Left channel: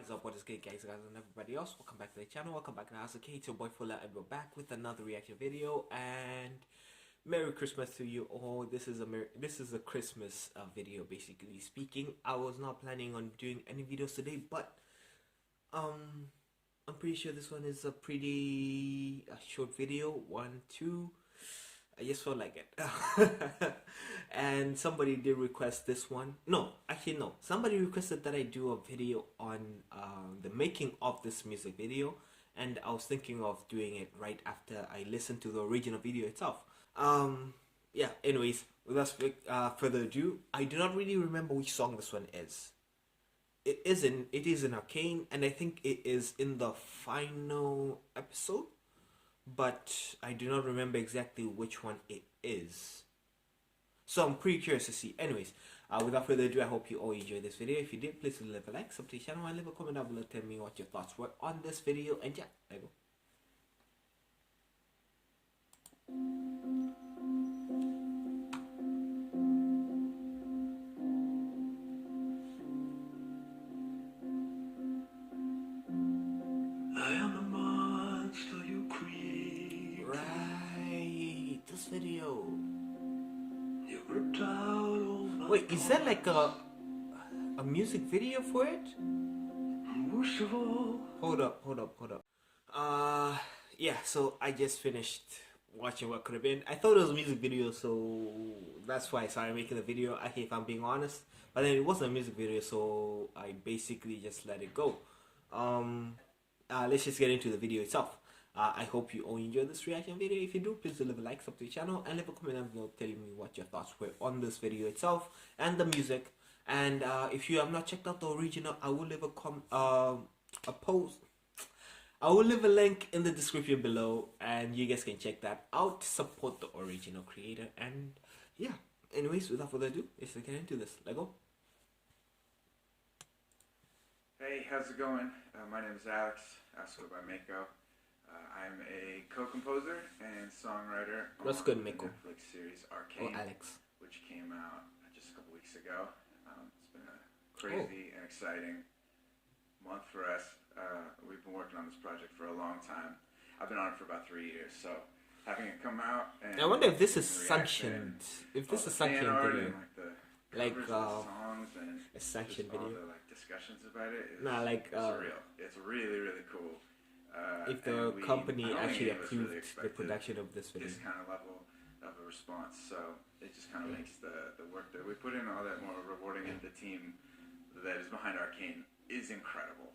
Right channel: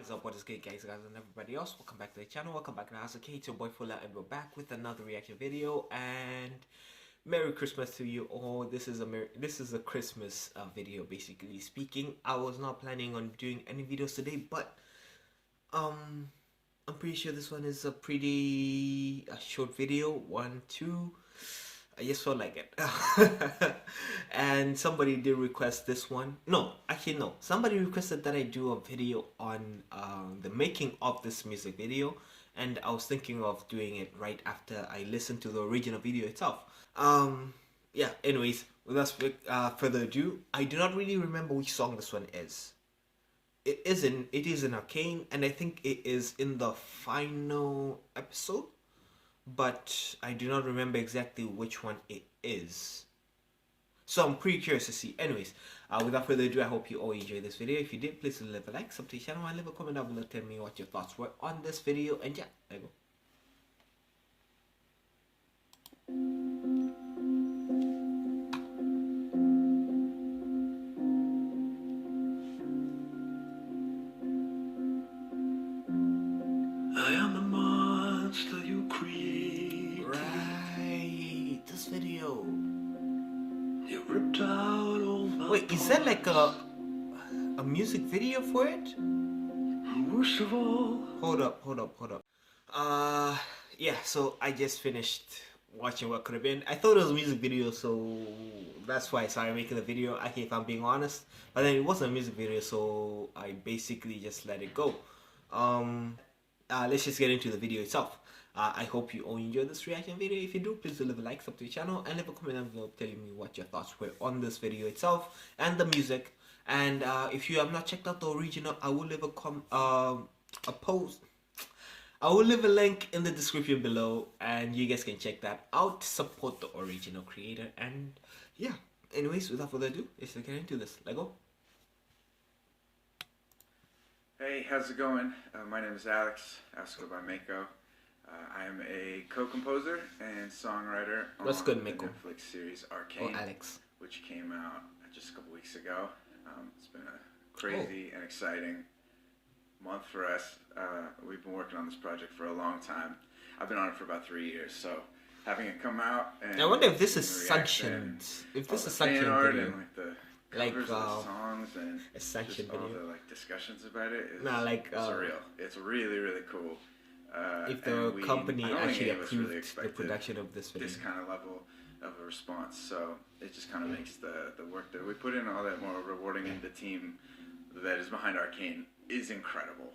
What is up, what is good guys and everybody else? Welcome back to the channel, welcome back to Arcane. It's your boy Fuller and we're back with another reaction video, and Merry Christmas to you all. This is a Christmas video, basically speaking. I was not planning on doing any videos today, but I'm pretty sure this one is a pretty short video. 1, 2, I just felt like it. And somebody did request this one. No, actually no. Somebody requested that I do a video on the making of this music video, and I was thinking of doing it right after I listened to the original video itself. Yeah, anyways, without further ado, I do not really remember which song this one is. It is in Arcane, and I think it is in the final episode, but I do not remember exactly which one it is. So I'm pretty curious to see. Anyways, without further ado, I hope you all enjoyed this video. If you did, please leave a like, subscribe to the channel, and leave a comment down below telling me what your thoughts were on this video. And yeah, there you go. I am the monster you create. Right, this video. You ripped out all my Wait, is that like a music video for it? worst of all. Hold up. Yeah, so I just finished watching what could have been. I thought it was a music video, so that's why I started making the video, actually, if I'm being honest. But then it wasn't a music video, so I basically just let it go. Let's just get into the video itself. I hope you all enjoyed this reaction video. If you do, please leave a like, sub to the channel, and leave a comment down below telling me what your thoughts were on this video itself and the music. And if you have not checked out the original, I will leave a post. I will leave a link in the description below, and you guys can check that out. Support the original creator. And yeah, anyways, without further ado, let's get into this. Let's go. Hey, how's it going? My name is Alex, also by Mako. I am a co-composer and songwriter What's on good, the Mako? Netflix series Arcane, Oh, Alex. which came out just a couple weeks ago. It's been a crazy and exciting month for us. We've been working on this project for a long time. I've been on it for about 3 years, so having it come out and I wonder if this is the reaction, sanctioned. If this all is the fan sanctioned art video. and like the Like, covers of the songs and a sanctioned just all video. the like discussions about it is surreal. It's really cool. If the and company I don't think actually any of us really approved the expected production of this video. this kind of level of a response, so it just kind of makes the work that we put in all that more rewarding, and the team that is behind Arcane is incredible.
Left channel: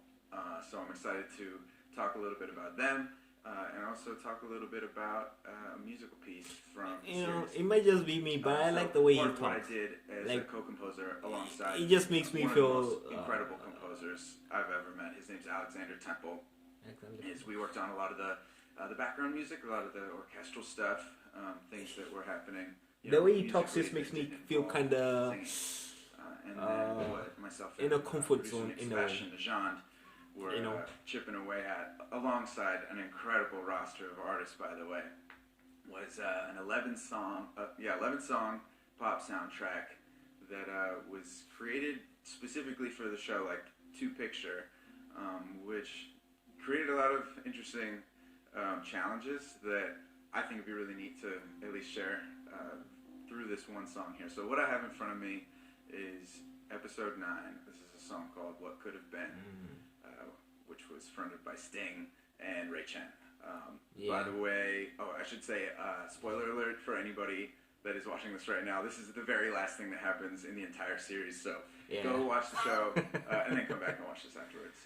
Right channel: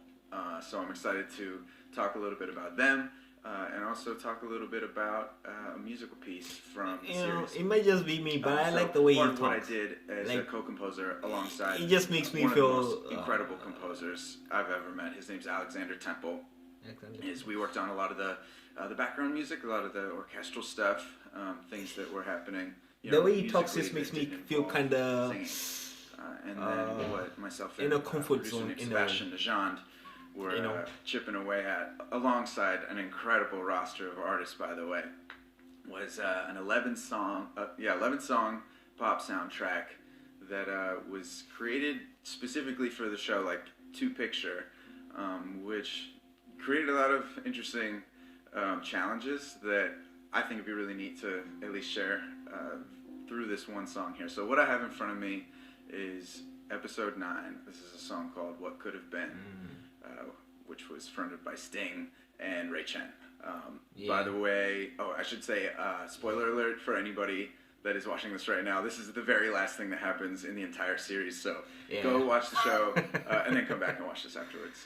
So I'm excited to talk a little bit about them, and also talk a little bit about a musical piece from the series. It might just be me, but I like the way you talk. What I did as a Like, co-composer alongside it just makes me one feel, of the most incredible composers I've ever met. His name's Alexander Temple. Is we worked on a lot of the background music, a lot of the orchestral stuff, things that were happening. The way he talks just makes me feel kind of and then what myself in and a comfort producer zone, named in a way. Sebastian Dejand were chipping away at, alongside an incredible roster of artists, by the way. Was an 11 song pop soundtrack that was created specifically for the show, like Two Picture, which created a lot of interesting challenges that I think would be really neat to at least share through this one song here. So what I have in front of me is episode 9. This is a song called What Could Have Been, which was fronted by Sting and Chen. By the way, I should say, spoiler alert for anybody that is watching this right now, this is the very last thing that happens in the entire series, so go watch the show and then come back and watch this afterwards.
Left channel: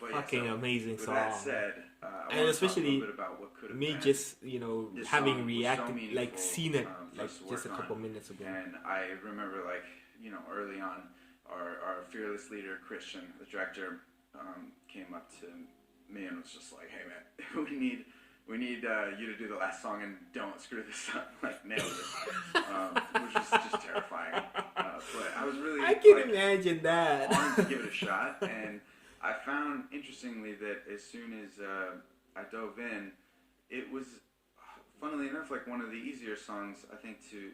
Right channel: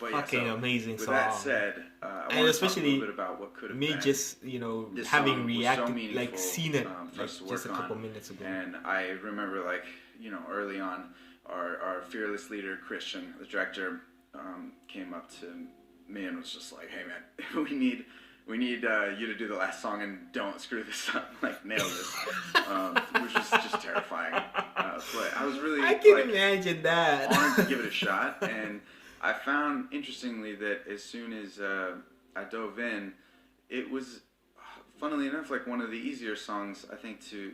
But fucking amazing with song. That said, I and want especially to talk a little bit about what could have me been. just This having song was reacted, so meaningful, like seen it for like us to just a work couple on. minutes ago. And I remember, like, early on, our fearless leader Christian, the director, came up to me and was just like, "Hey man, we need you to do the last song and don't screw this up, like nail this," which was just terrifying. But I was really, I can imagine that. wanted to give it a shot, and I found interestingly that as soon as I dove in, it was, funnily enough, like one of the easier songs I think to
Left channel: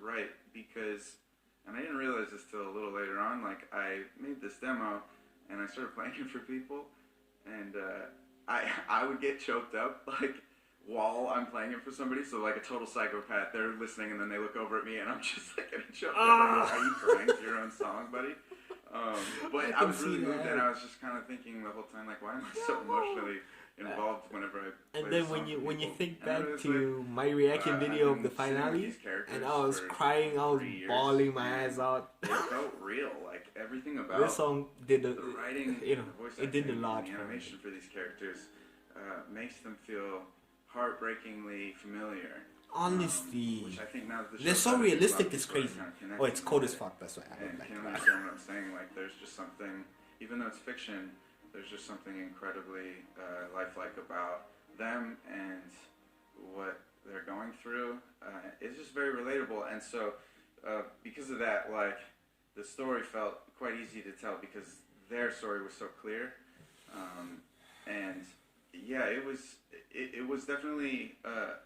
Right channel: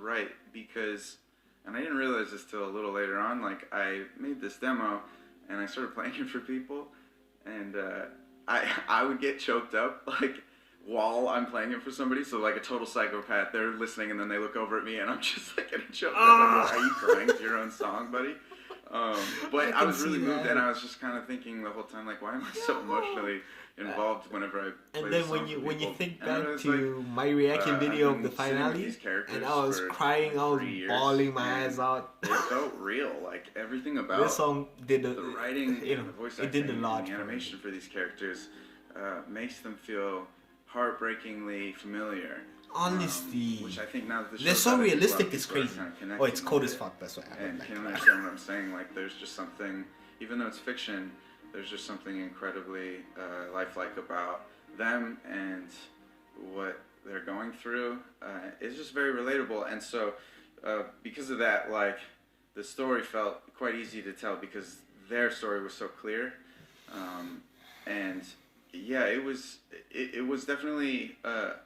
write, because, and I didn't realize this till a little later on, like I made this demo and I started playing it for people, and I would get choked up like while I'm playing it for somebody. So like a total psychopath, they're listening and then they look over at me and I'm just like getting choked up. I'm like, are you crying to your own song, buddy? But I was really moved, and I was just kind of thinking the whole time, like, why am I so emotionally involved whenever I play and then this when song you think and back was to like, my reaction video I've of the been sitting with finale, these characters and I was for crying, I was 3 years, bawling my and eyes out. It felt real, like everything about This song did the writing, you know, the voice it did a acting, lot and the for me. animation for these characters makes them feel heartbreakingly familiar. Honestly, Which I think now that the they're show's so out, I think a lot of realistic, it's people are crazy. kind of connecting Oh, it's cold with as it fuck, that's why I and don't can like that. understand what I'm saying. Like, there's just something, even though it's fiction, there's just something incredibly lifelike about them and what they're going through. It's just very relatable, and so because of that, like, the story felt quite easy to tell because their story was so clear, and yeah, it was definitely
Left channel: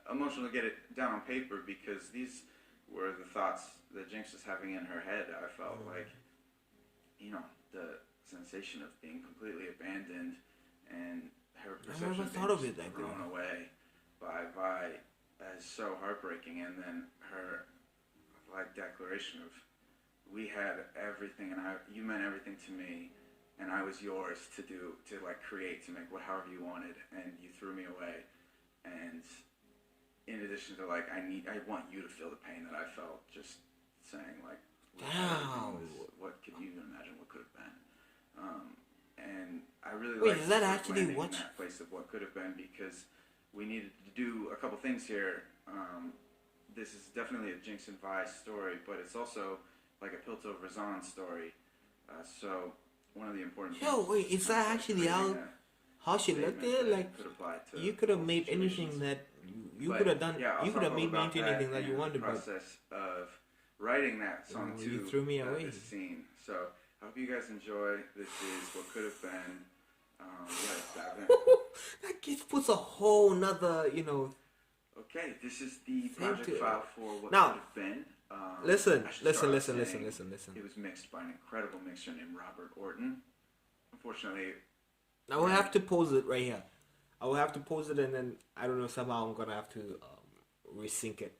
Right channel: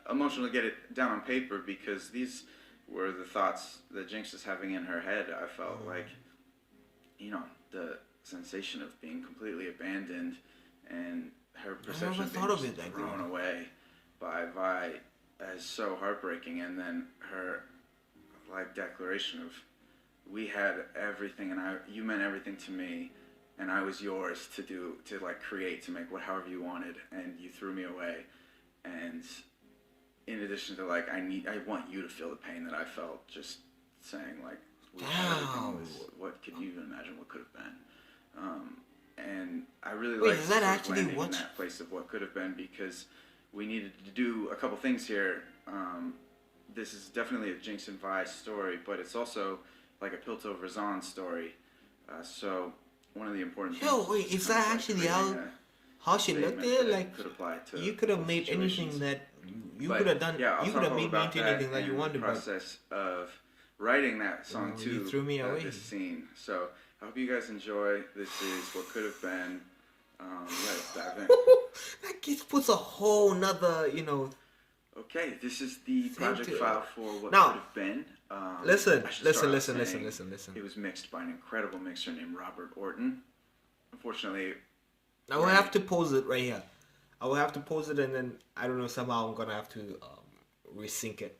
emotional to get it down on paper because these were the thoughts that Jinx was having in her head. I felt like, you know, the sensation of being completely abandoned and her perception of being just thrown away by Vi as so heartbreaking, and then her like declaration of, we had everything and you meant everything to me, and I was yours to like create, to make however you wanted, and you threw me away. And in addition to like, I want you to feel the pain that I felt, just saying like, what could you even imagine what could have been? And I really like is that actually landing what? in that place of what could have been, because we needed to do a couple things here. This is definitely a Jinx and Vi story, but it's also like a Pilto Razan story. So one of the important things. Wait, is that actually how she looked at it? Like, you could have made anything that you could have done. Yeah, you could have made me into anything that you wanted. The process of writing that song too. You threw me away. This scene. So I hope you guys enjoy. This is what could have been. Let's dive in. That just puts a whole nother, you know. Okay, this is the project file for what now, could have been. Listen. It was mixed by an incredible mixer named Robert Orton. Unfortunately, I will have to pause it right here. I will have to pause it, and then I don't know, somehow I'm gonna have to resync it.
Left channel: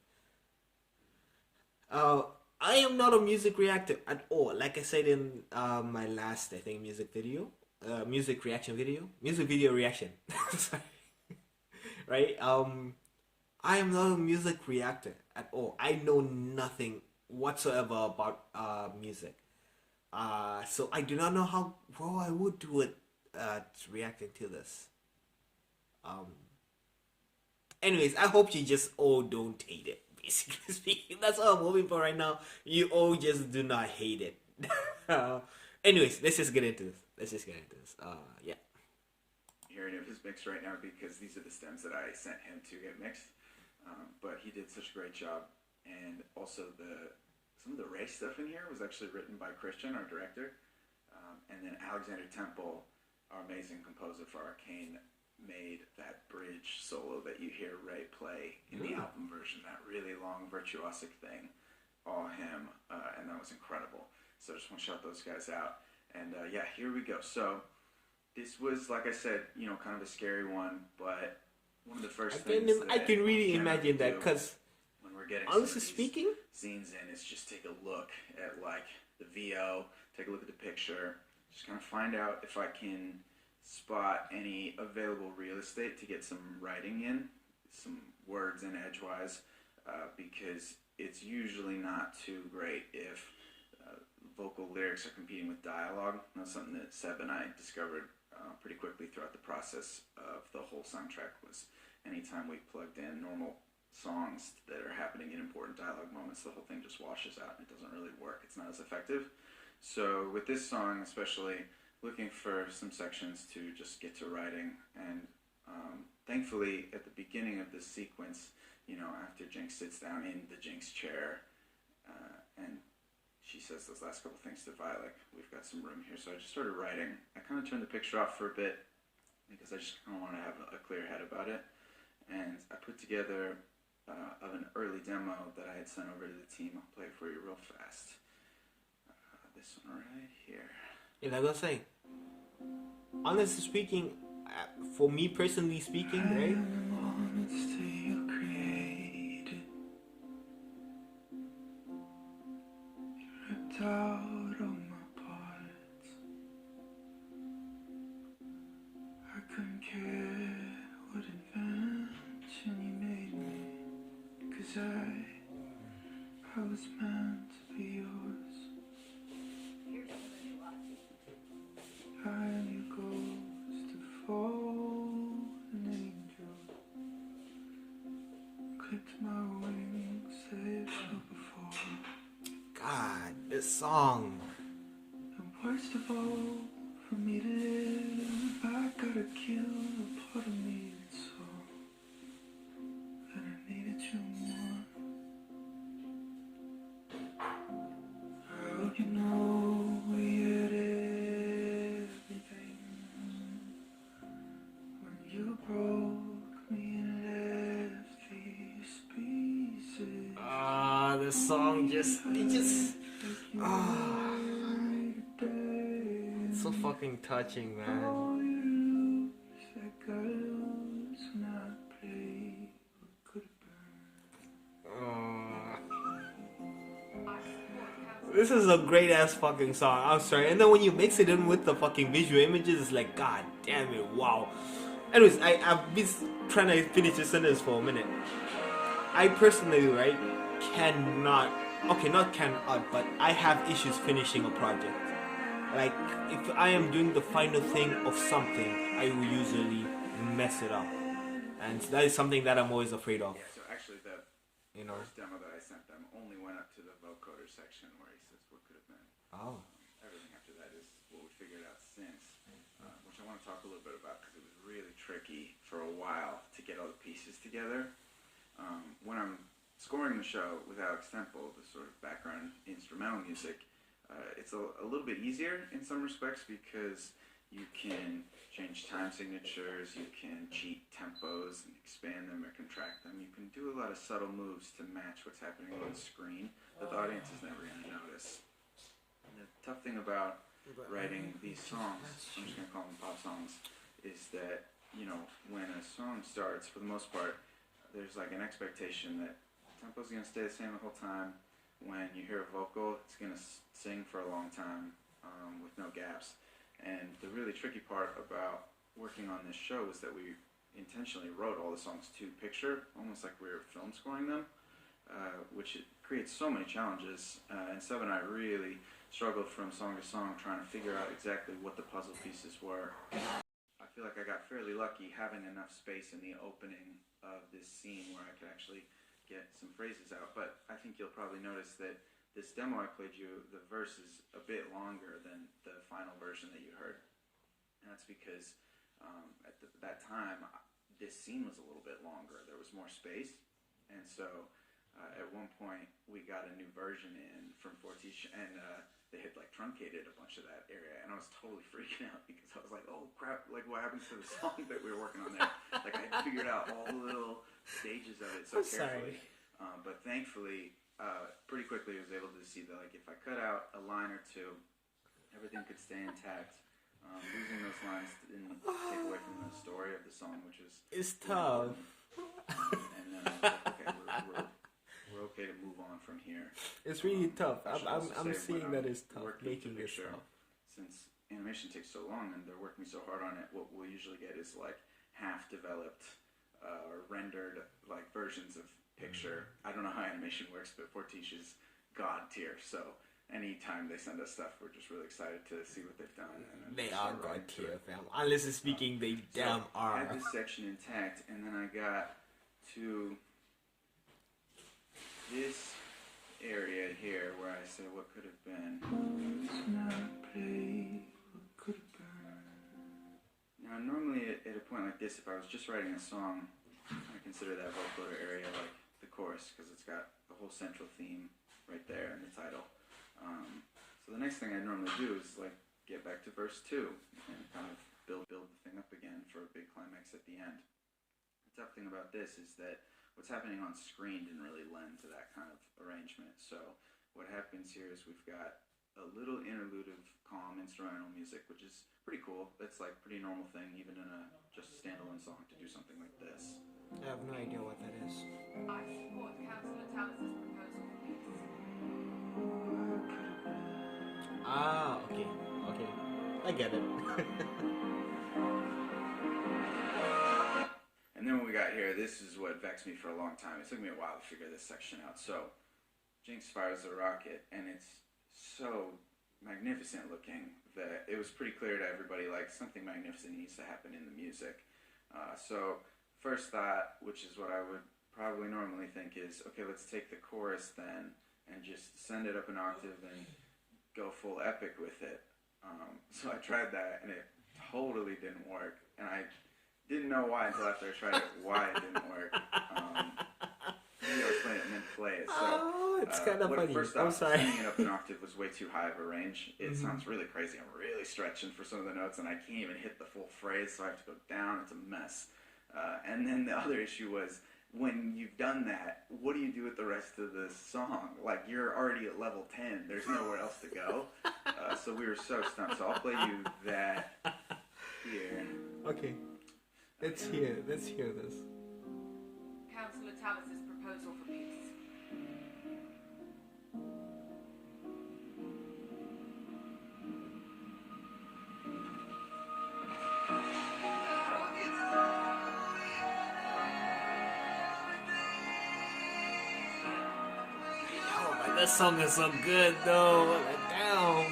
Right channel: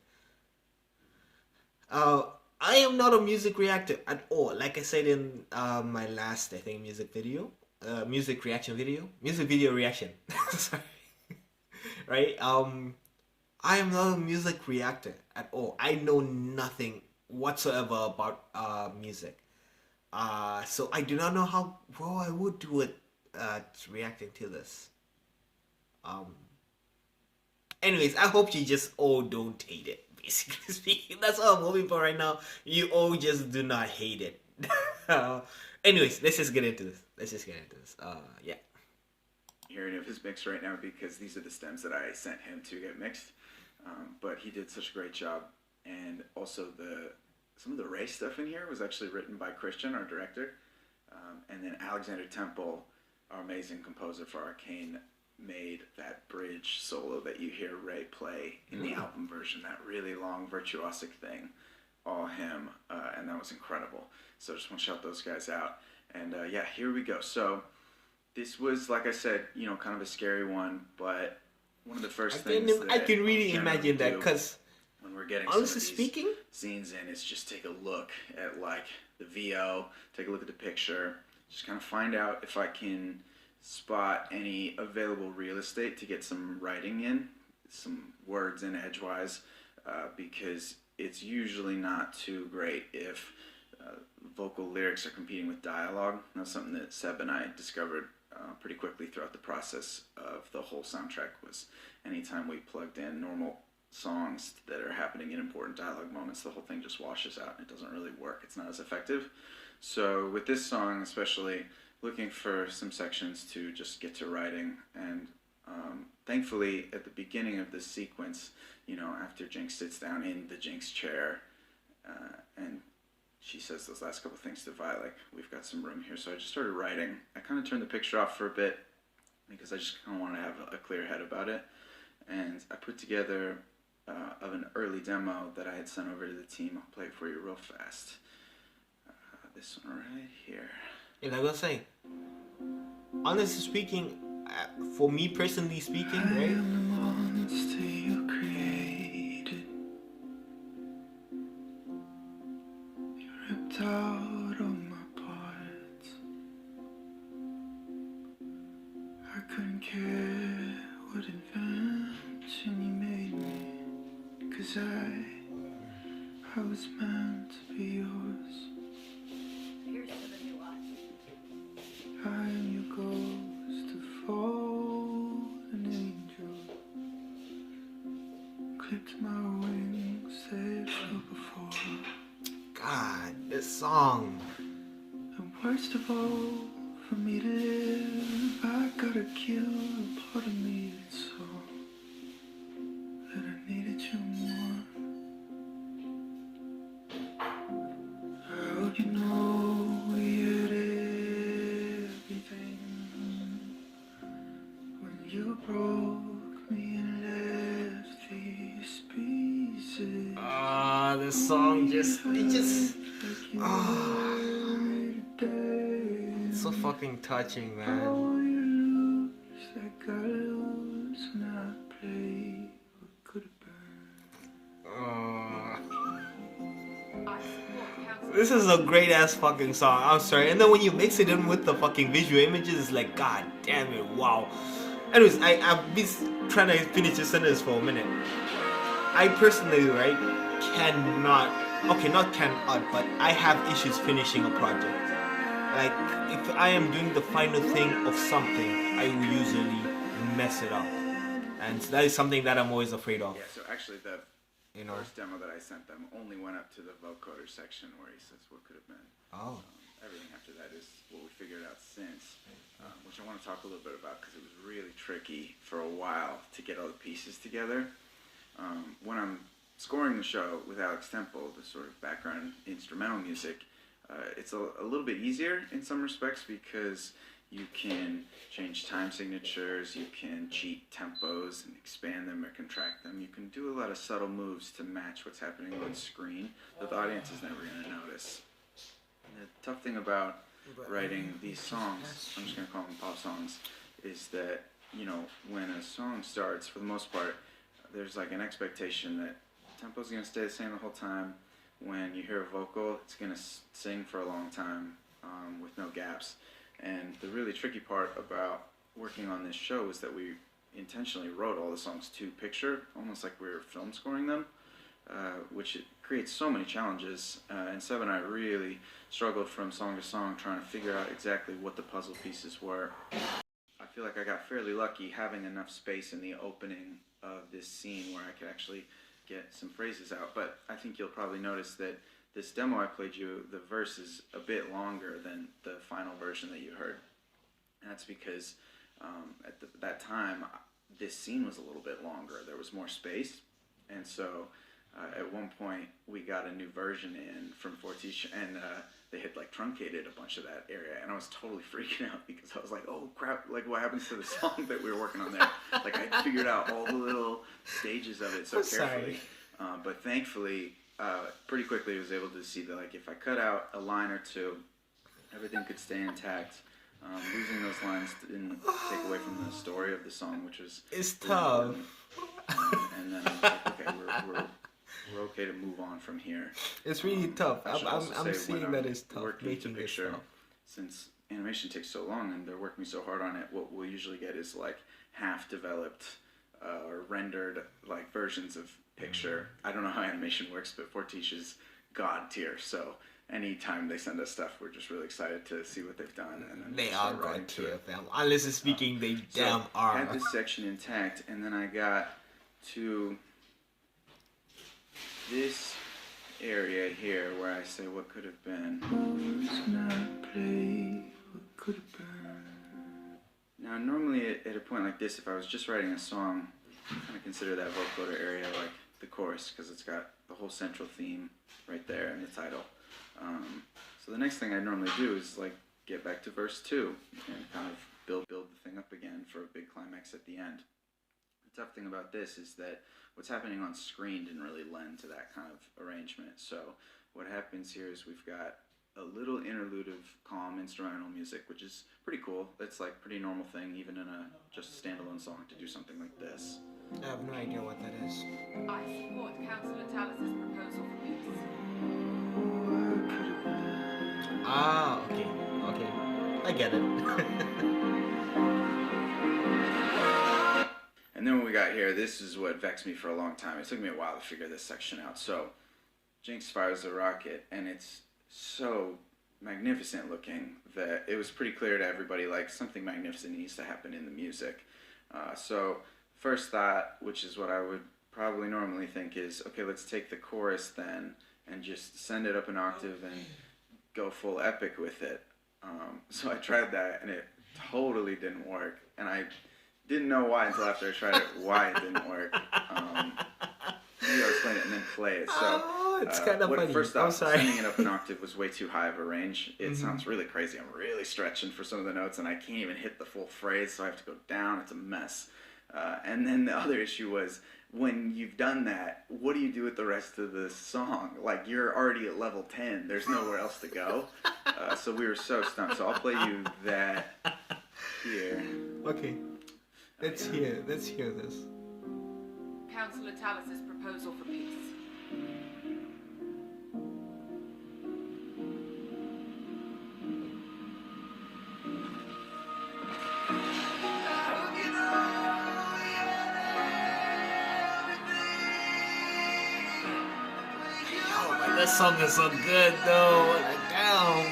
I am not a music reactor at all. Like I said in my last, I think, music video reaction. Sorry. Right? I am not a music reactor at all. I know nothing whatsoever about music. So I do not know how well I would do it reacting to this. Anyways, I hope you just all don't hate it. Basically speaking, that's all I'm hoping for right now. You all just do not hate it. Anyways, let's just get into this. Yeah. Hearing of his mix right now, because these are the stems that I sent him to get mixed. But he did such a great job, and also some of the Ray stuff in here was actually written by Christian, our director, and then Alexander Temple, our amazing composer for Arcane, made that bridge solo that you hear Ray play in the album version, that really long virtuosic thing, all him, and that was incredible. So just want to shout those guys out, and yeah, here we go. So this was, like I said, you know, kind of a scary one, but one of the first things I can really imagine that, because when we're getting honestly speaking, scenes in, is just take a look at like the VO, take a look at the picture, just kind of find out if I can spot any available real estate to get some writing in, some words in edgewise, because it's usually not too great if vocal lyrics are competing with dialogue. That's something that Seb and I discovered pretty quickly throughout the process of the whole soundtrack. Was anytime we plugged in normal songs that are happening in important dialogue moments, the whole thing just washes out and it doesn't really work. It's not as effective. So with this song especially, looking for some sections to just get to writing, and thankfully at the beginning of this sequence, you know, after Jinx sits down in the Jinx chair and she says those last couple things to Vi, like, we've got some room here. So I just started writing. I kind of turned the picture off for a bit because I just kind of wanted to have a clear head about it. And I put together an early demo that I had sent over to the team. I'll play it for you real fast. This one right here. Yeah, like I was saying, honestly speaking, for me personally speaking, right? Monster you created. You ripped out all my parts. I couldn't care what invention you made me, 'cause I was meant to be yours. I am your ghost, a fallen angel. Clipped my wings, they flew before. God, this song. And worst of all, for me to live, I gotta kill a part of me that saw that I needed you more. I hope you know we had everything when you broke me and left these pieces. This song it's so fucking touching, man. Oh, you lose like I lose when I play what could have been. This is a great ass fucking song. I'm sorry. And then when you mix it in with the fucking visual images, it's like, god damn it, wow. Anyways, I've been trying to finish this sentence for a minute. I personally, right, but I have issues finishing a project. Like, if I am doing the final thing of something, I will usually mess it up. And that is something that I'm always afraid of. Yeah, so actually the first demo that I sent them only went up to the vocoder section where he says what could have been. Oh. Everything after that is what we figured out since, which I want to talk a little bit about because it was really tricky for a while to get all the pieces together. When I'm scoring the show with Alex Temple, the sort of background instrumental music, it's a little bit easier in some respects because you can change time signatures, you can cheat tempos and expand them or contract them. You can do a lot of subtle moves to match what's happening on screen that the audience is never going to notice. And the tough thing about writing these songs, I'm just going to call them pop songs, is that, you know, when a song starts, for the most part, there's like an expectation that tempo's going to stay the same the whole time. When you hear a vocal, it's going to sing for a long time with no gaps. And the really tricky part about working on this show is that we intentionally wrote all the songs to picture, almost like we were film scoring them, which it creates so many challenges. And Seb and I really struggled from song to song trying to figure out exactly what the puzzle pieces were. I feel like I got fairly lucky having enough space in the opening of this scene where I could actually get some phrases out. But I think you'll probably notice that this demo I played you, the verse is a bit longer than the final version that you heard. And that's because at that time, this scene was a little bit longer. There was more space. And so at one point, we got a new version in from Fortiche, and they had like truncated a bunch of that area. And I was totally freaking out because I was like, oh crap, like what happens to the song that we were working on there? Like I figured out all the little stages of it so carefully. But thankfully, pretty quickly I was able to see that like if I cut out a line or two, everything could stay intact. Losing those lines didn't take away from the story of the song, which was it's tough. And then I was like, okay, we're okay to move on from here. It's really tough. I'm say seeing that it's tough. Making this stuff. Since animation takes so long and they're working so hard on it, what we'll usually get is like half developed or rendered like versions of picture. I don't know how animation works, but Fortiche is god tier. So anytime they send us stuff, we're just really excited to see what they've done. And they are god tier, fam. Honestly speaking, they damn are. I had this section intact, and then I got to this area here where I say what could have been. Now normally at a point like this, if I was just writing a song, I kind of consider that vocoder area like the chorus because it's got the whole central theme right there in the title. So the next thing I normally do is like get back to verse 2 and kind of build the thing up again for a big climax at the end. The tough thing about this is that what's happening on screen didn't really lend to that kind of arrangement. So what happens here is we've got a little interlude of calm instrumental music, which is pretty cool. That's like pretty normal thing, even in a just standalone song, to do something like this. I have no idea what that is. I support Councillor Tallis's proposal for peace. Ah, okay, okay, I get it. And then when we got here, this is what vexed me for a long time. It took me a while to figure this section out. So, Jinx fires the rocket, and it's so magnificent looking that it was pretty clear to everybody, like, something magnificent needs to happen in the music. So, first thought, which is what I would probably normally think, is, okay, let's take the chorus then and just send it up an octave and go full epic with it. So I tried that, and it totally didn't work. And I didn't know why until after I tried it, why it didn't work. Maybe I'll explain it and then play it. So, it's kind of funny. First I'm off, sorry. sending it up an octave was way too high of a range. It sounds really crazy. I'm really stretching for some of the notes, and I can't even hit the full phrase, so I have to go down. It's a mess. And then the other issue was, when you've done that, what do you do with the rest of the song? Like, you're already at level 10. There's nowhere else to go. So we were so stumped. So I'll play you that here. Okay, let's hear this. Councillor Tallis's proposal for peace. Oh, but that song is so good though. Like, damn.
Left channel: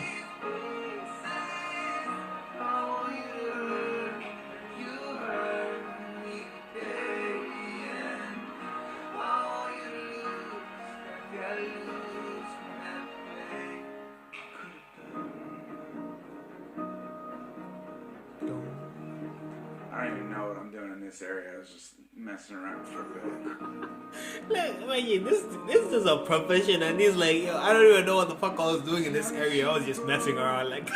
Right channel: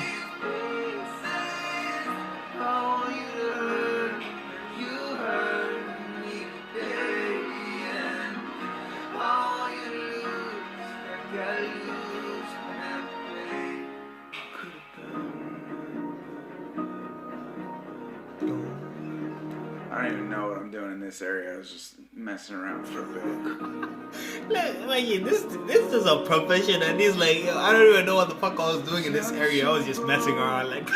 I don't even know what I'm doing in this area. I was just messing around for a bit. Look, imagine this is a profession, and he's like, yo, I don't even know what the fuck I was doing in this area. I was just messing around. Like,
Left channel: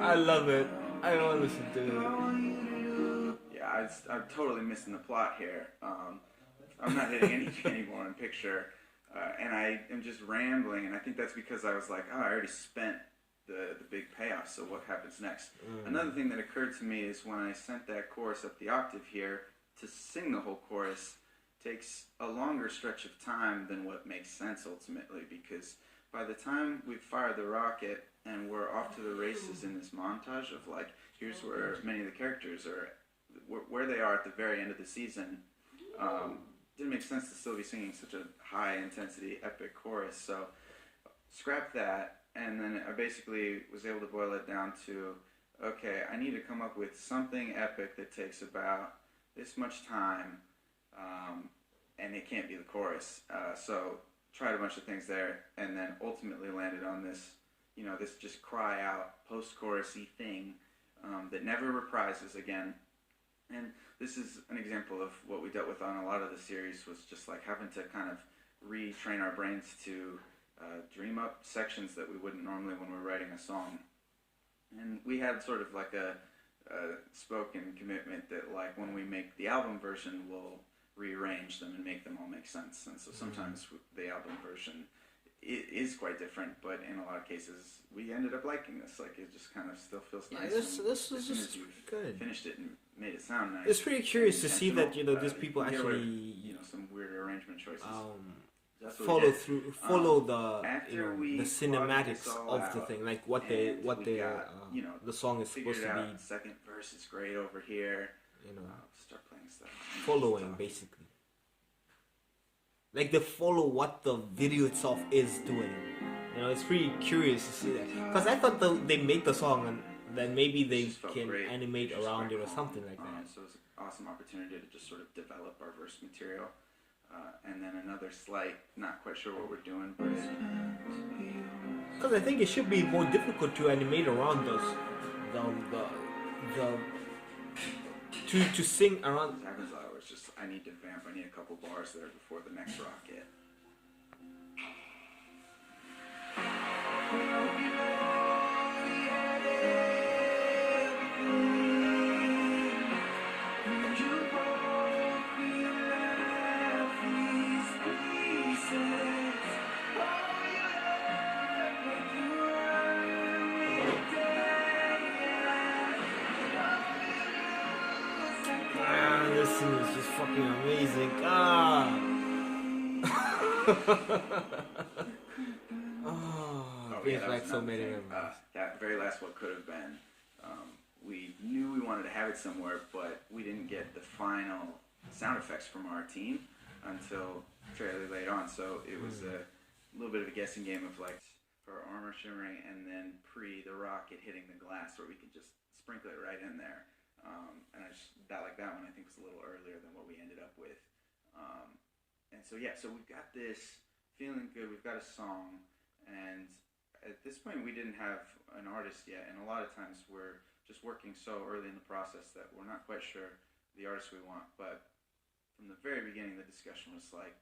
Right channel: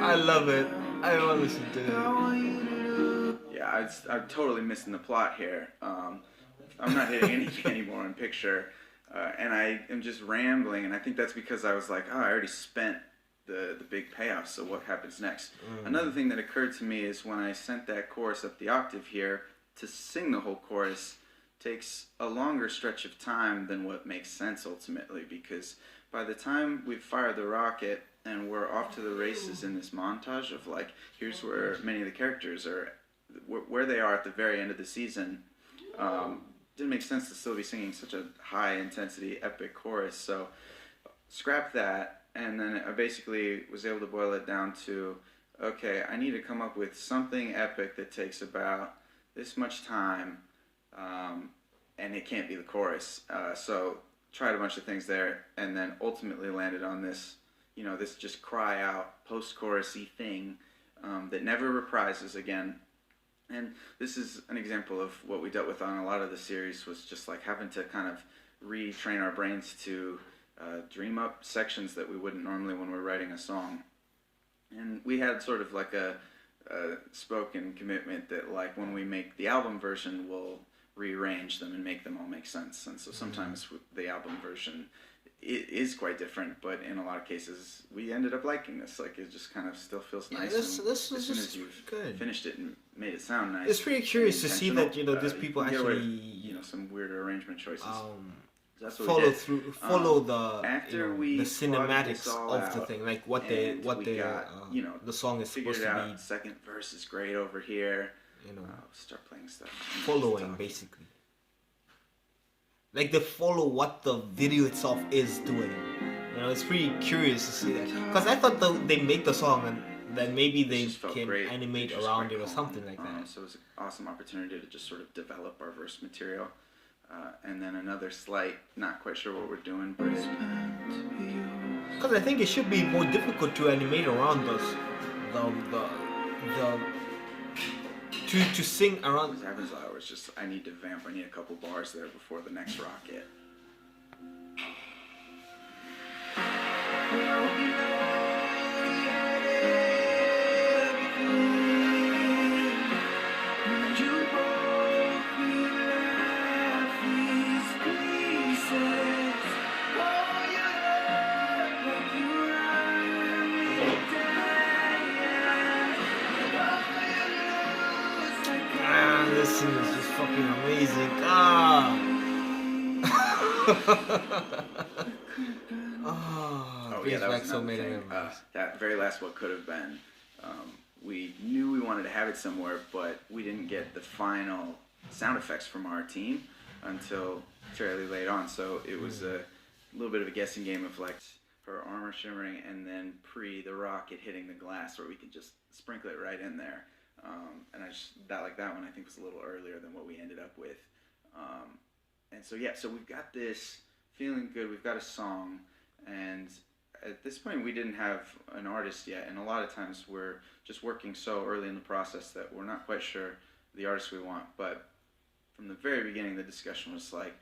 I love it. I want to listen to it. Yeah, I'm totally missing the plot here. I'm not hitting anything anymore in picture, and I am just rambling. And I think that's because I was like, oh, I already spent the big payoff, so what happens next? Another thing that occurred to me is when I sent that chorus up the octave here, to sing the whole chorus takes a longer stretch of time than what makes sense ultimately, because by the time we've fired the rocket and we're off to the races in this montage of, like, here's where many of the characters are, where they are at the very end of the season, didn't make sense to still be singing such a high intensity epic chorus. So scrap that. And then I basically was able to boil it down to, okay, I need to come up with something epic that takes about this much time, and it can't be the chorus. So tried a bunch of things there, and then ultimately landed on this, this just cry out post-chorusy thing that never reprises again. And this is an example of what we dealt with on a lot of the series, was just like having to kind of retrain our brains to dream up sections that we wouldn't normally when we're writing a song. And we had sort of like a spoken commitment that, like, when we make the album version, we'll rearrange them and make them all make sense. And so sometimes the album version is quite different, but in a lot of cases we ended up liking this. Like, it just kind of still feels nice. This as soon was as you've good. finished it and made it sound nice. It's pretty curious to see that these people you get away actually with, some weird arrangement choices. That's what follow we did. through, the After we the plotted this cinematics all of the out, thing, like what and we they got, the song is figured supposed it to out. be, Second verse is great over here. Start playing stuff. following basically. Like they follow what the video itself is doing. It's pretty curious to see that, because I thought they make the song and then maybe they can animate around it or something like that. So it was an awesome opportunity to just sort of develop our verse material. And then another slight, not quite sure what we're doing, but because I think it should be more difficult to animate around those, to sing around. What happens loud was just, I need to vamp. I need a couple bars there before the next rocket. man, this scene is just fucking amazing. Ah. Brings back so many memories. That very last what could have been. We knew we wanted to have it somewhere, but we didn't get the final sound effects from our team until fairly late on. So it was a little bit of a guessing game of like her armor shimmering and then the rocket hitting the glass, where we could just sprinkle it right in there. And that one I think was a little earlier than what we ended up with. And so so we've got this feeling good. We've got a song, and at this point we didn't have an artist yet. And a lot of times we're just working so early in the process that we're not quite sure the artist we want. But from the very beginning, the discussion was like,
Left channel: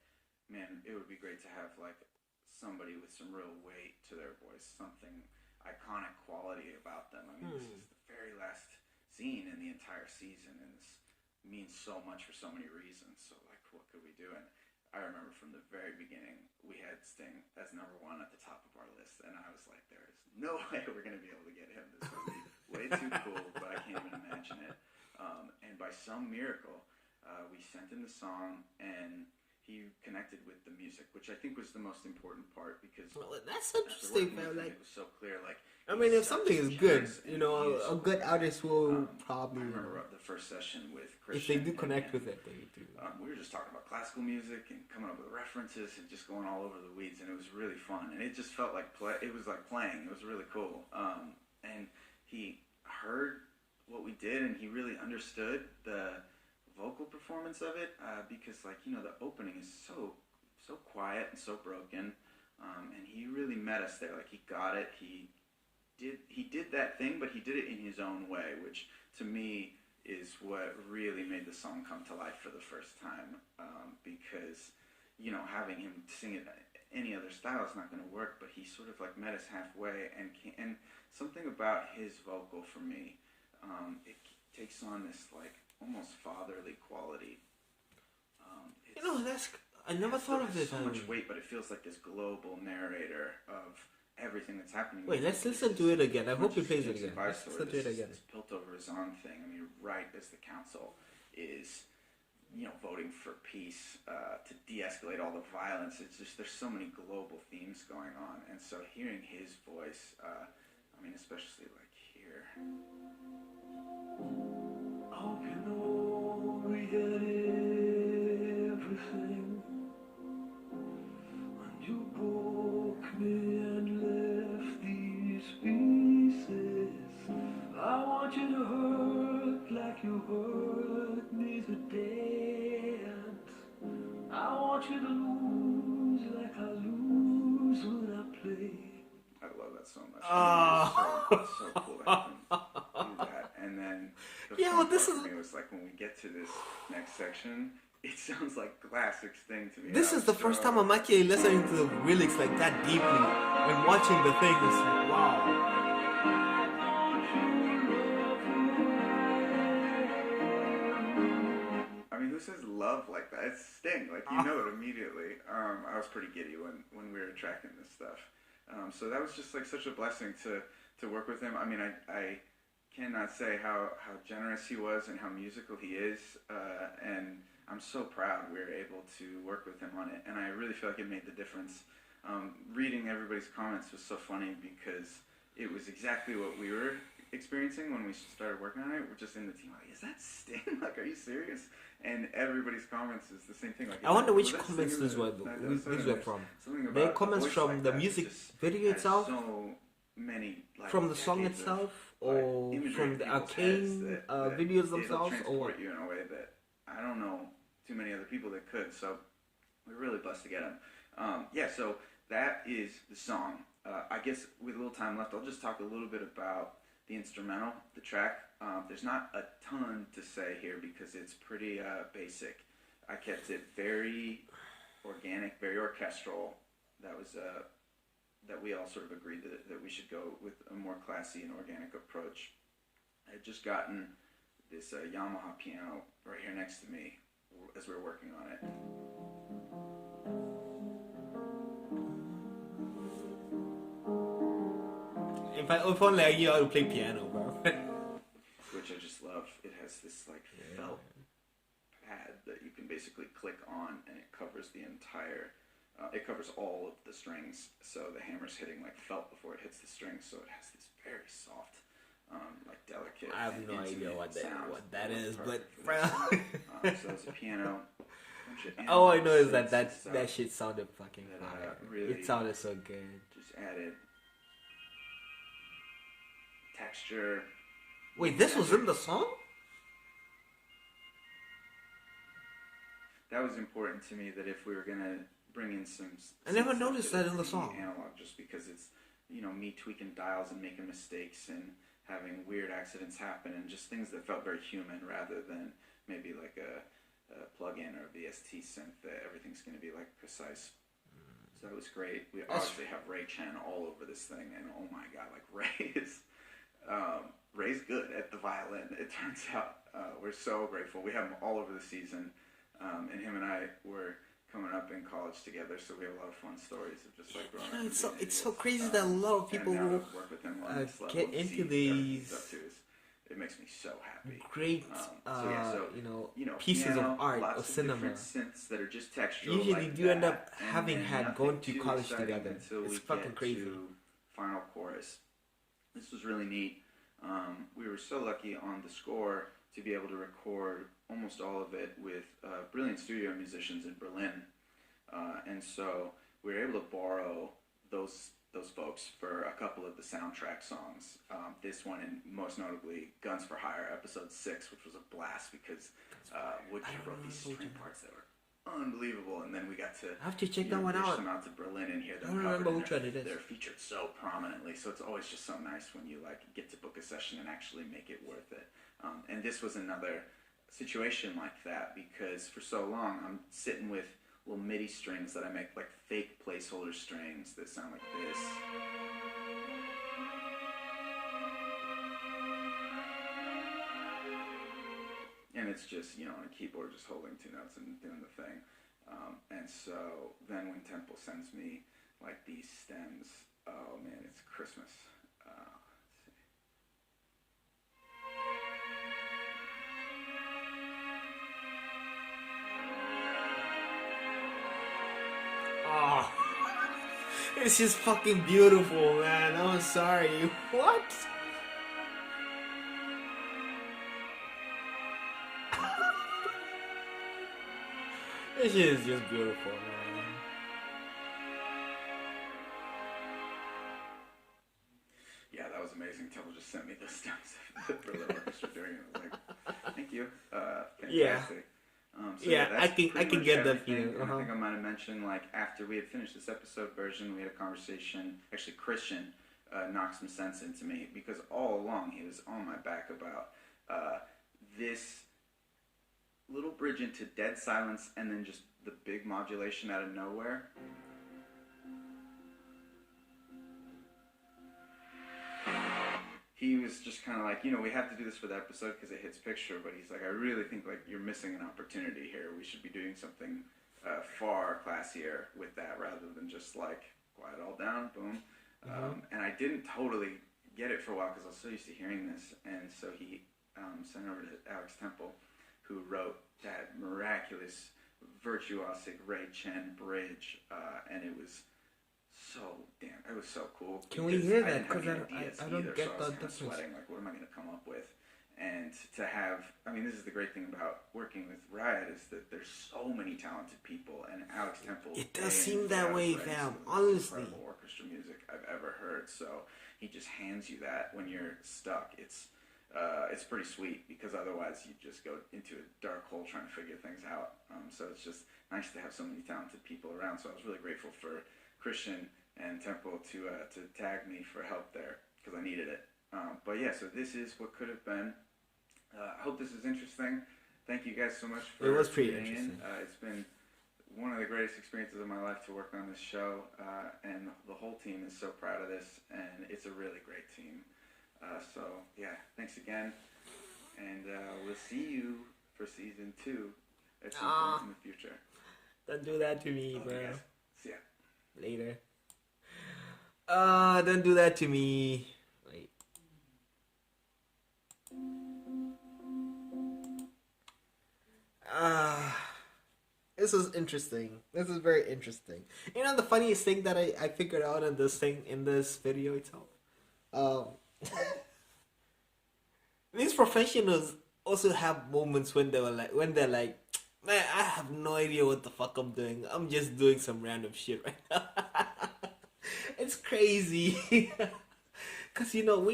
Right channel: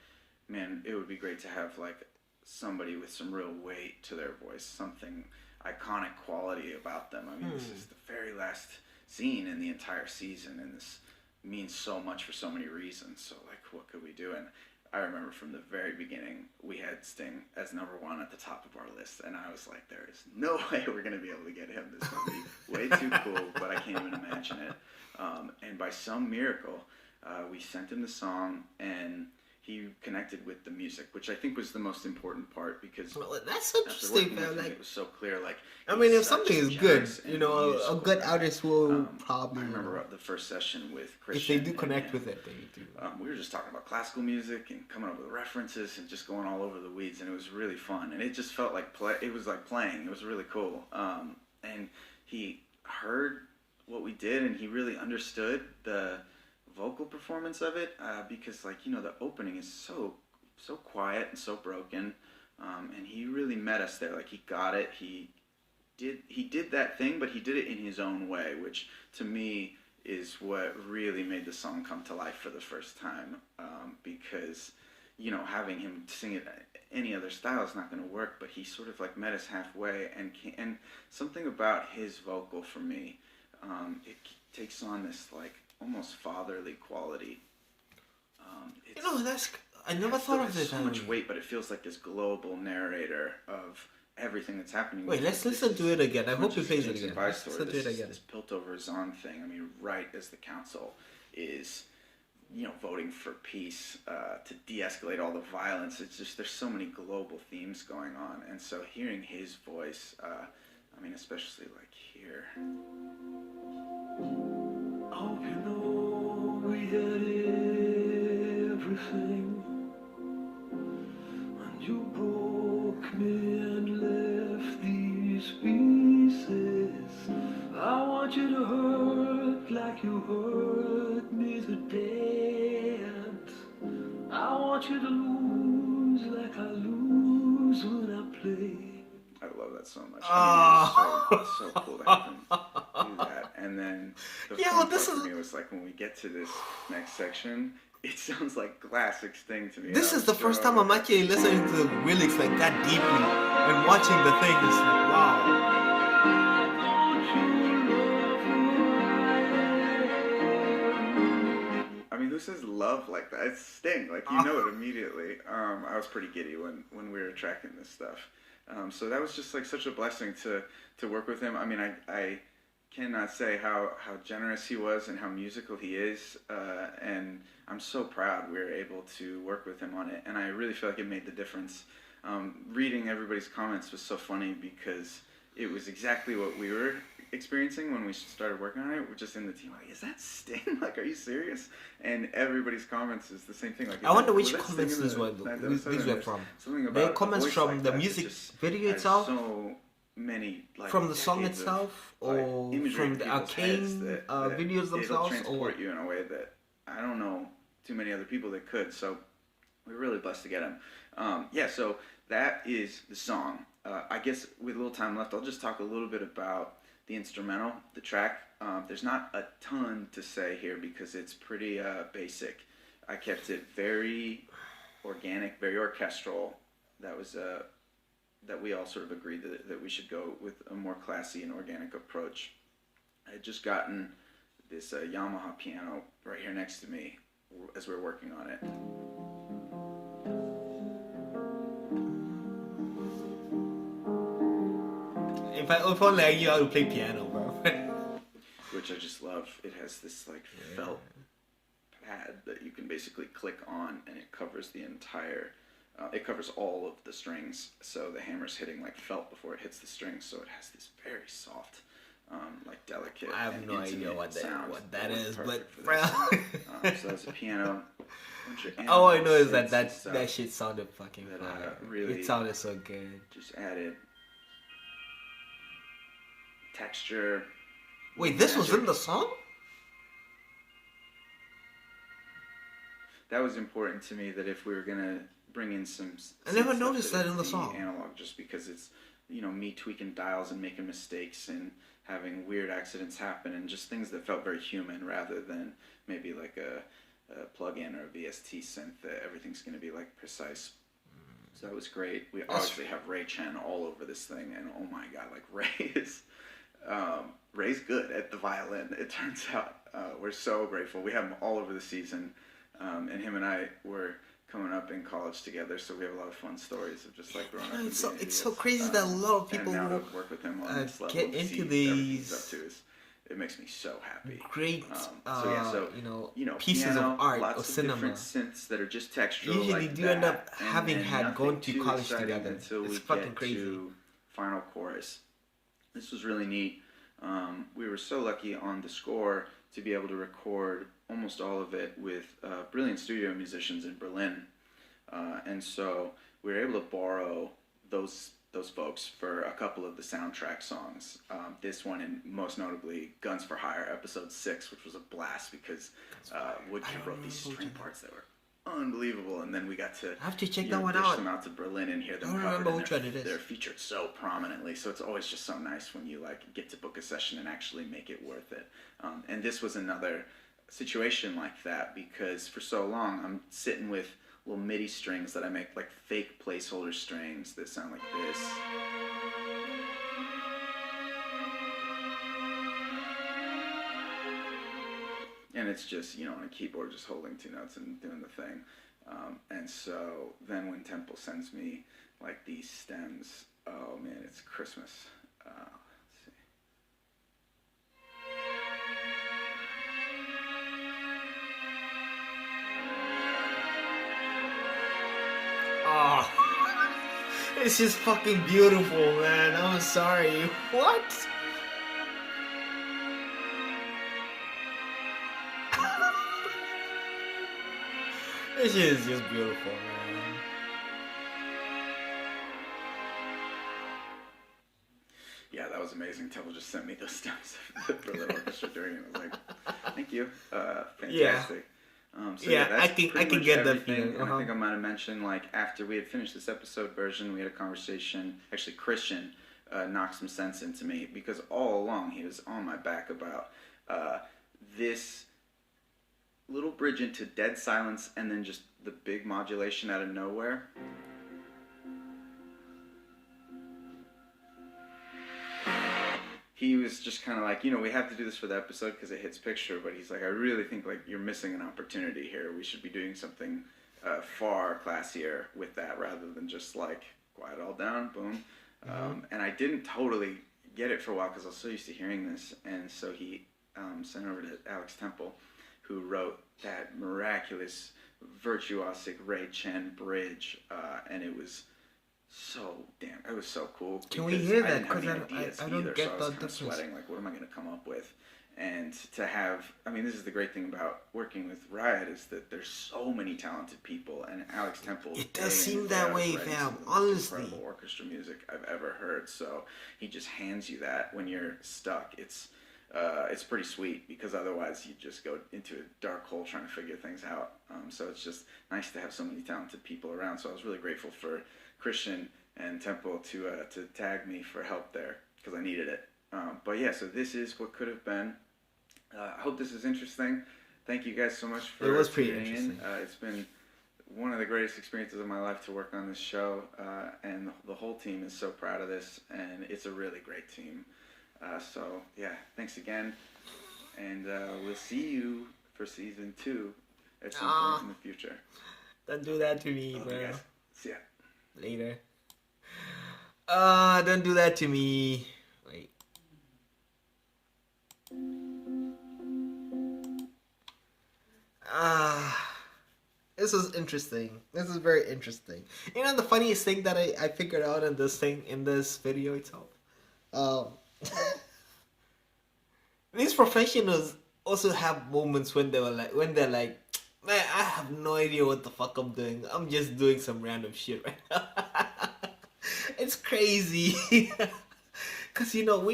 man, it would be great to have like somebody with some real weight to their voice, something iconic quality about them. I mean, this is the very last scene in the entire season, and this means so much for so many reasons. So like, what could we do? And I remember from the very beginning, we had Sting as number one at the top of our list, and I was like, there is no way we're going to be able to get him. This would be way too cool, but I can't even imagine it. And by some miracle, we sent him the song, and he connected with the music, which I think was the most important part, because that's interesting, man. Like, it was so clear. Like, I mean, if something is good, you know, a good artist will probably. I remember the first session with Christian. If they do connect with it, they do. We were just talking about classical music and coming up with references and just going all over the weeds, and it was really fun. And it just felt like it was like playing. It was really cool. And he heard what we did, and he really understood the vocal performance of it, because like, you know, the opening is so quiet and so broken, and he really met us there. Like, he got it. He did that thing, but he did it in his own way, which to me is what really made the song come to life for the first time, because, you know, having him sing it any other style is not going to work, but he sort of like met us halfway, and something about his vocal for me, it takes on this like almost fatherly quality. You know, I never thought of this. So much weight, but it feels like this global narrator of everything that's happening. Wait, let's listen to it again. I hope he plays it again. Let's listen to it again. This Piltover-Zahn thing. I mean, right as the council is, you know, voting for peace, to de-escalate all the violence. It's just, there's so many global themes going on, and so hearing his voice, I mean, especially like here. Hope you know we had everything, and you broke me and left these pieces. I want you to hurt like you hurt me today, and I want you to lose like I lose when I play. I love that so much. I mean, it's so cool to have him do that. And then the fun part for me was like, when we get to this next section, it sounds like classic Sting to me. This is the first time I'm actually listening to the lyrics like that deeply, and watching the thing. It's like, wow. I mean, who says love like that? It's Sting. Like, you know it immediately. I was pretty giddy when we were tracking this stuff. So that was just like such a blessing to work with him. I mean, I cannot say how generous he was and how musical he is, and I'm so proud we were able to work with him on it, and I really feel like it made the difference. Reading everybody's comments was so funny, because it was exactly what we were experiencing when we started working on it. We're just in the team like, is that Sting? Like, are you serious? And everybody's comments is the same thing. Like, I wonder which comments these were from. The comments from the music video itself, so many, like, from the song itself, or from the Arcane videos themselves, or you in a way that I don't know too many other people that could. So we're really blessed to get him. So that is the song. I guess with a little time left, I'll just talk a little bit about the instrumental, the track. There's not a ton to say here because it's pretty basic. I kept it very organic, very orchestral. That was that we all sort of agreed that we should go with a more classy and organic approach. I had just gotten this Yamaha piano right here next to me as we were working on it. If only I knew how to play piano, bro. Which I just love. It has this like felt pad that you can basically click on, and it covers the entire. It covers all of the strings, so the hammer's hitting like felt before it hits the strings, so it has this very soft, like delicate. I have no idea what that is, but so that's a piano. All I know is that shit sounded fucking fire. Really it sounded so good. Just added texture. Wait, this was in the song? That was important to me, that if we were gonna bring in some, I never noticed that in the song. Analog, just because it's, you know, me tweaking dials and making mistakes and having weird accidents happen and just things that felt very human, rather than maybe like a plug-in or a VST synth that everything's going to be like precise. So that was great. We obviously have Chen all over this thing, and oh my god, like Ray's good at the violin, it turns out. We're so grateful. We have him all over the season, and him and I were coming up in college together, so we have a lot of fun stories of just like growing up. It's so crazy that a lot of people will work with him on this level, get into these. It makes me so happy. Great, you know, pieces piano, of art lots or of cinema. different synths that are just textural. Usually like do that, end up and having had gone to college together. Until it's we fucking get crazy. To final chorus. This was really neat. We were so lucky on the score to be able to record almost all of it with brilliant studio musicians in Berlin, and so we were able to borrow those folks for a couple of the soundtrack songs. This one, and most notably Guns for Hire, episode 6, which was a blast because Woodkid wrote these string parts that were unbelievable, and then we got to I have to check that one dish out. them out to Berlin and hear them. I don't remember which one it is. They're featured so prominently, so it's always just so nice when you like get to book a session and actually make it worth it. And this was another situation like that, because for so long I'm sitting with little MIDI strings that I make, like fake placeholder strings that sound like this. And it's just, you know, on a keyboard, just holding 2 notes and doing the thing. And so then when Temple sends me like these stems, oh man, it's Christmas. Let's see. Oh, this is fucking beautiful, man. I'm sorry. What? This shit is just beautiful, man. Yeah, that was amazing. Temple just sent me those stems for the orchestra during it. I was like, thank you. Fantastic. Yeah. So yeah, that's I can get that feeling. feeling. And I think I might have mentioned, like, after we had finished this episode version, we had a conversation. Actually, Christian knocked some sense into me, because all along he was on my back about this little bridge into dead silence and then just the big modulation out of nowhere. He was just kind of like, you know, we have to do this for the episode because it hits picture, but he's like, I really think like you're missing an opportunity here. We should be doing something far classier with that, rather than just like quiet all down, boom. And I didn't totally get it for a while because I was so used to hearing this, and so he sent over to Alex Temple, who wrote that miraculous virtuosic Ray Chen bridge, and it was it was so cool. Can we hear that? Because I don't get the difference. Sweating, like, what am I going to come up with? And to have, I mean, this is the great thing about working with Riot, is that there's so many talented people, and Alex Temple. It does seem that way, fam. Honestly, incredible orchestra music I've ever heard. So he just hands you that when you're stuck. It's pretty sweet, because otherwise you just go into a dark hole trying to figure things out. So it's just nice to have so many talented people around. So I was really grateful for Christian and Temple to tag me for help there, because I needed it. But yeah, so this is what could have been. I hope this is interesting. Thank you guys so much for it was pretty tuning interesting. in. It's been one of the greatest experiences of my life to work on this show, and the whole team is so proud of this, and it's a really great team. So yeah, thanks again, and we'll see you for season 2 at some point in the future. Don't do that to me, bro. Guys. See ya. Later. Don't do that to me. Wait. This is interesting. This is very interesting. You know, the funniest thing that I figured out in this video itself. Um, these professionals also have moments when they're like, man, I have no idea what the fuck I'm doing. I'm just doing some random shit right now. It's crazy. Cause you know,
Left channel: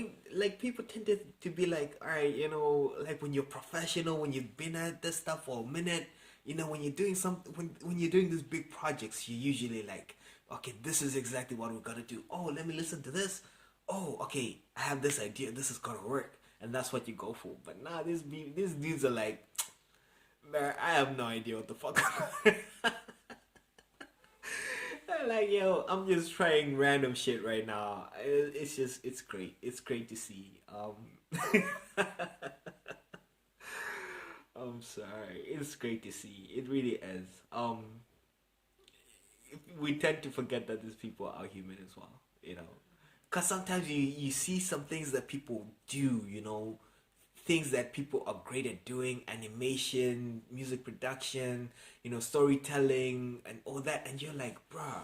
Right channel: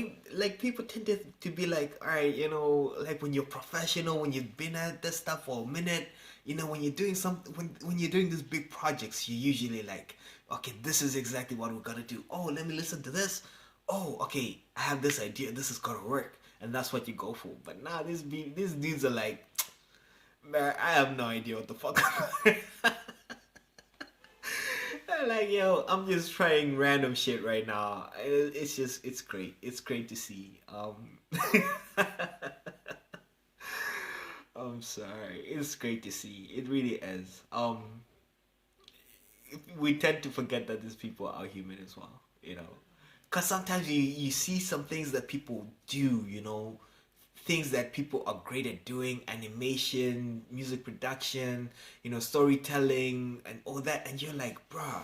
people tend to be like, all right, you know, like when you're professional, when you've been at this stuff for a minute, you know, when you're doing when you're doing these big projects, you usually like, okay, this is exactly what we're gonna do. Oh, let me listen to this. Oh, okay, I have this idea. This is gonna work, and that's what you go for. But nah, these dudes are like, man, I have no idea what the fuck. Like, yo, I'm just trying random shit right now. It's great. It's great to see. I'm sorry. It's great to see. It really is. We tend to forget that these people are human as well, you know. Because sometimes you see some things that people do, you know, things that people are great at doing, animation, music production, you know, storytelling and all that, and you're like, bruh,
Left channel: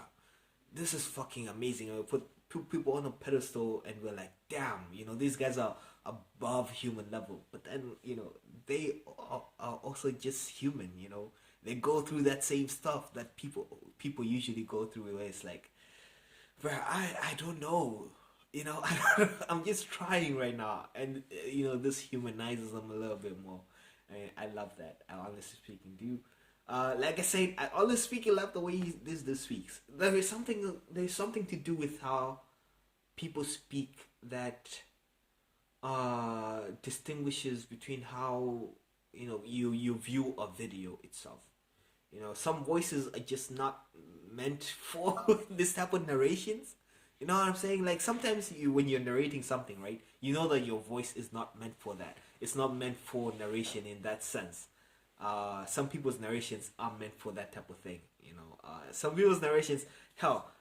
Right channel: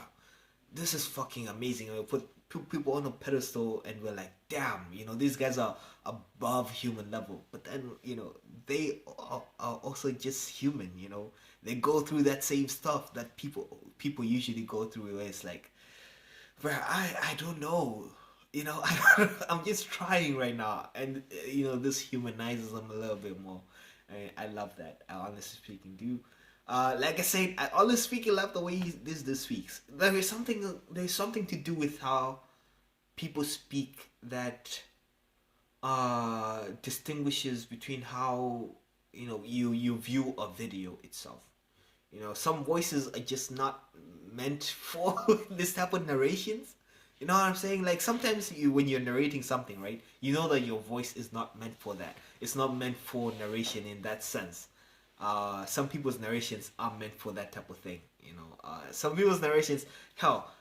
this is fucking amazing. And we put people on a pedestal and we're like, damn, you know, these guys are above human level. But then, you know, they are also just human, you know. They go through that same stuff that people usually go through, where it's like, bruh, I don't know. You know, I'm just trying right now, and you know, this humanizes them a little bit more. I love that. I honestly speaking do. Like I said, I honestly speaking love the way this speaks. There's something to do with how people speak that distinguishes between how, you know, you view a video itself. You know, some voices are just not meant for this type of narrations. You know what I'm saying? Like sometimes when you're narrating something, right? You know that your voice is not meant for that. It's not meant for narration in that sense. Some people's narrations are meant for that type of thing. You know, some people's narrations, hell,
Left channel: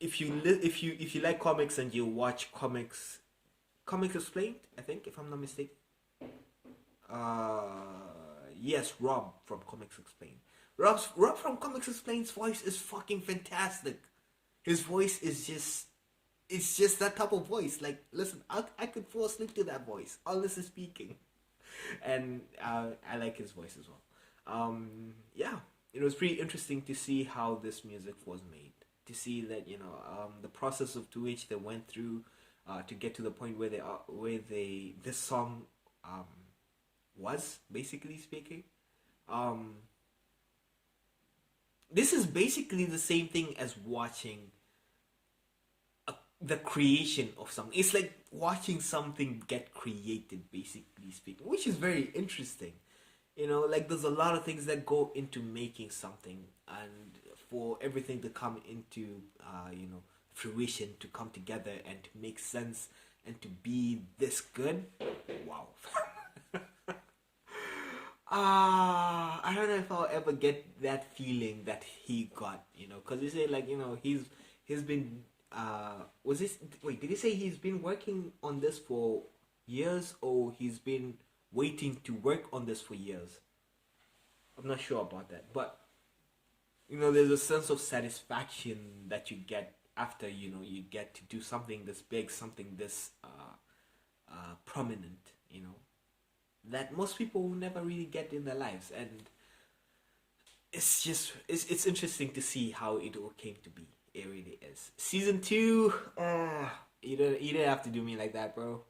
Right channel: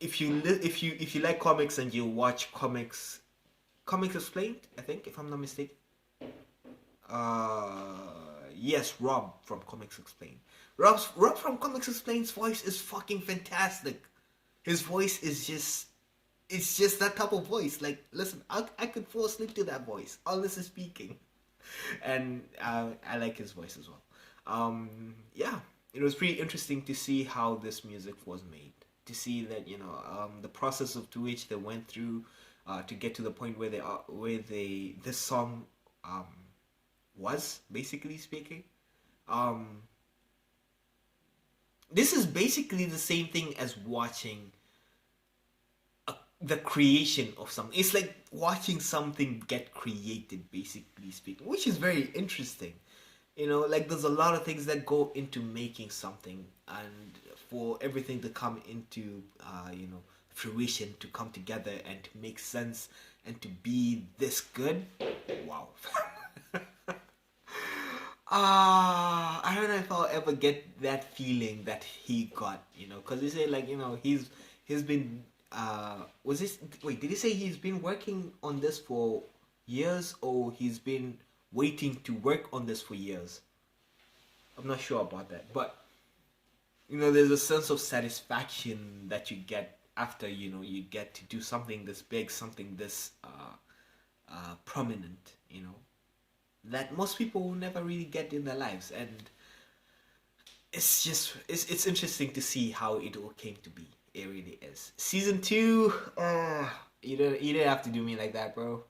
if you like comics and you watch comics Explained, I think, if I'm not mistaken. Yes, Rob from Comics Explained. Rob from Comics Explained's voice is fucking fantastic. His voice is it's just that type of voice. Like, listen, I could fall asleep to that voice, honestly speaking. And I like his voice as well. Yeah, it was pretty interesting to see how this music was made. To see that, you know, the process of to which they went through to get to the point where this song was, basically speaking. This is basically the same thing as watching the creation of something. It's like watching something get created, basically speaking, which is very interesting. You know, like there's a lot of things that go into making something, and for everything to come into you know, fruition, to come together and to make sense and to be this good. Wow. I don't know if I'll ever get that feeling that he got, you know, because he said, like, you know, he's been did he say he's been working on this for years, or he's been waiting to work on this for years? I'm not sure about that, but you know, there's a sense of satisfaction that you get after, you know, you get to do something this big, something this prominent, you know, that most people will never really get in their lives. And it's just it's interesting to see how it all came to be. It really is. Season 2, you don't have to do me like that, bro.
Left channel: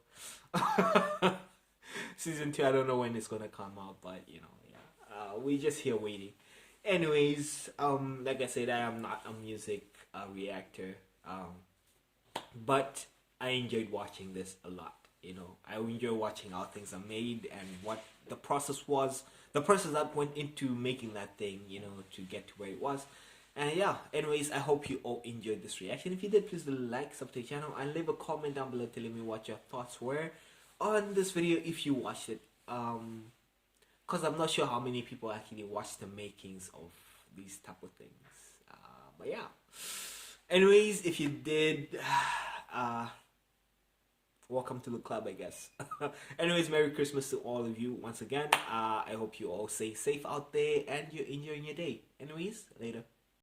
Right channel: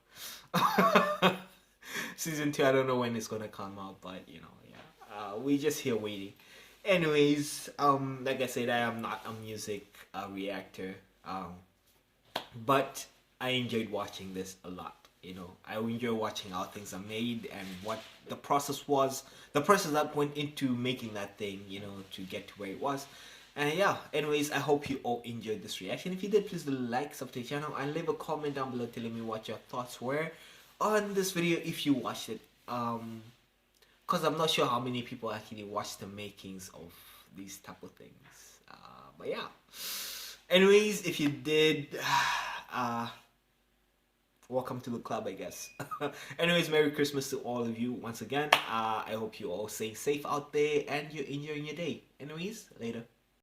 Season 2, I don't know when it's gonna come out, but you know, yeah, we just here waiting. Anyways, like I said, I am not a music reactor, but I enjoyed watching this a lot. You know, I enjoy watching how things are made and what the process was, the process that went into making that thing, you know, to get to where it was. And yeah, anyways, I hope you all enjoyed this reaction. If you did, please do like, subscribe to the channel, and leave a comment down below telling me what your thoughts were on this video if you watched it. Because I'm not sure how many people actually watch the makings of these type of things. But yeah. Anyways, if you did, welcome to the club, I guess. Anyways, Merry Christmas to all of you once again. I hope you all stay safe out there and you're enjoying your day. Anyways, later.